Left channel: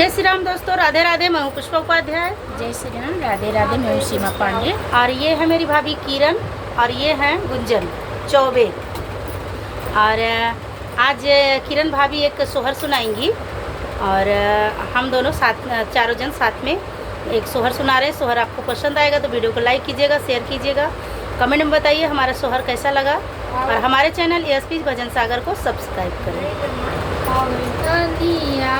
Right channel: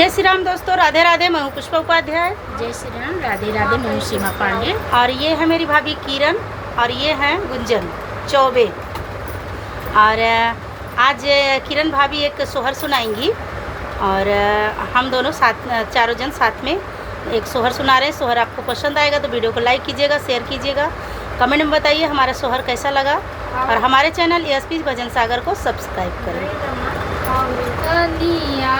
जय श्री राम दोस्तों, राधे राधे। मैं हूँ पुष्पा उपाध्याय। जय श्री राम, राधे राधे। मैं हूँ सीमा पांडे और ये है मेरी भाभी किरण और ये हैं गुंजन चौबे। और आज किरण भाभी एक सोहर सुनाएंगी और हम दोनों साथ, चारों जन साथ में एक सोहर सुना रहे हैं। सोहर आपको पसंद आएगा तो वीडियो को लाइक कीजिएगा, शेयर कीजिएगा, कमेंट में बताइए हमारा सोहर कैसा लगा और हमारे चैनल एएसपी भजन सागर को सब्सक्राइब करें। कलिया